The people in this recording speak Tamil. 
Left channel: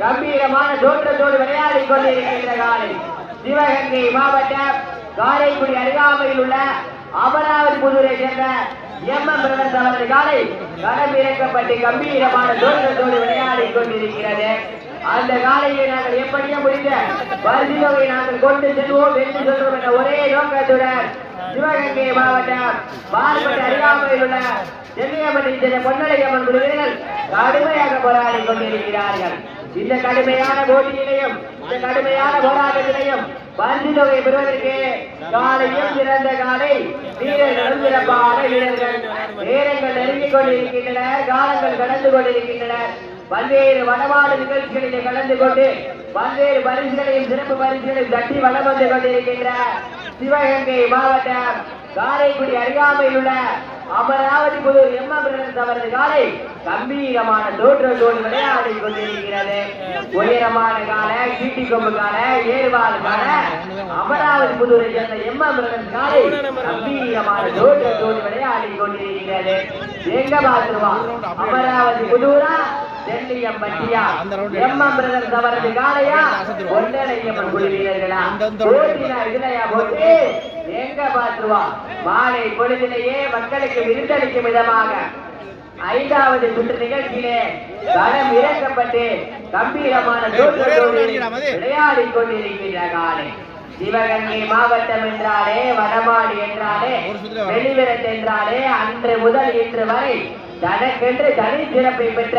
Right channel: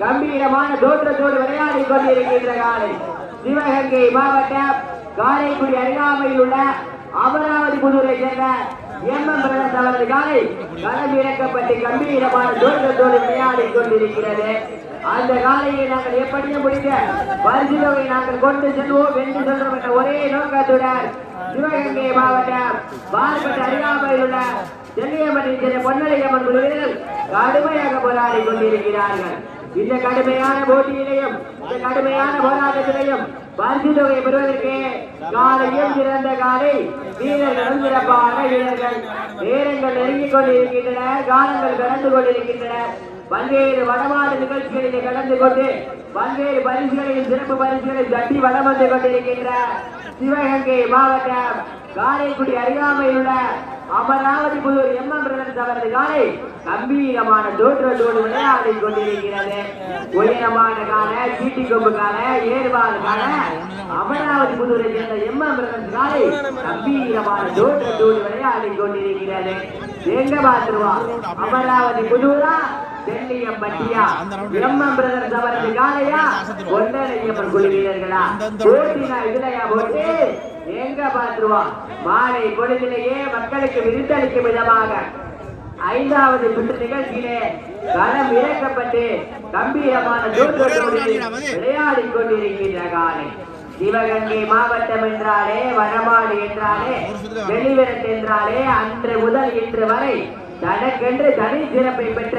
கம்பீரமான தோற்றத்தோடு விளையாடி கொண்டிருக்கின்ற காலை சிவகங்கை மாவட்டம் காரைக்குடி அருகாமையில் உள்ள அமராவதி புதூரை சேர்ந்த எம்என் காலை களமிறக்கப்பட்டு கம்பீரமான தோற்றத்தோடு விளையாடி கொண்டிருக்கிறது. அந்த காலையை நாங்கள் எப்படியும் முடிந்த பரிசுகளை நாங்கள் கொண்டு செல்வோம் என்று சொல்லும் என்ற ஒரே நோக்கத்துடன் சிவகங்கை மாவட்டம் பால்பட்டு அருகாமையில் உள்ள செல்லியமணி பொன்னரையம்மன் குழுவினர் கடுமையாக போராடி கொண்டிருக்கிறார்கள். இந்த கடுமையான போட்டியிலையும் இந்த கடுமையான போராட்டத்திலையும் பரிசுகளை பெறுவதற்கு காலையும் சிறந்த காலை வீரர்களும் சிறப்பான வீரர்கள். நேரங்கள் நெருங்கிக் கொண்டிருக்கின்றன, காலங்கள் கடந்து கொண்டிருக்கின்றன. பல்வேறு வடமாடு நிகழ்ச்சிகளில் கலந்து கொண்டு பல்வேறு பரிசுகளையும் சிறப்பு பரிசுகளை தட்டி வளம் வந்து கொண்டிருக்கின்ற சிவகங்கை மாவட்டம் காரைக்குடி அருகாமையில் உள்ள அமராவதி புதூர் எம்என் அவரது காலை கம்பீரமான தோற்றத்தோடு விளையாடி கொண்டிருக்கிறது. உயரமான கால சீட்டி கொம்பு கால ஏறுவார் கால அமராவதி புதூரை சேர்ந்த எம்என் காலை கம்பீரமான தோற்றத்தோடு விளையாடி கொண்டிருக்கிறது. எங்க பார்த்துருவோம், அமராவதி புதூரா செல்லியம் பட்டியா எம்என் அவரது காலையா ஒன்றரையம்மன் குழு வீரர்களா இதுலையா போட்டு எங்க பார்த்துருவோம். மாலை பொழுதிலேயே மக்களுக்கு விருந்தளிக்கும் விதமாக 5வது சுற்று நிகழ்ச்சியிலே களம் இறக்கப்பட்டு கம்பீரமான விளையாடி கொண்டிருக்கின்ற காலை சிவகங்கை மாவட்டம் என்றாலே வடமாடு என்றாலே வெளிவிரட்டு என்றாலே அன்று முதல் இன்று வரை தனக்கென்று தனி சிறப்பை பெற்ற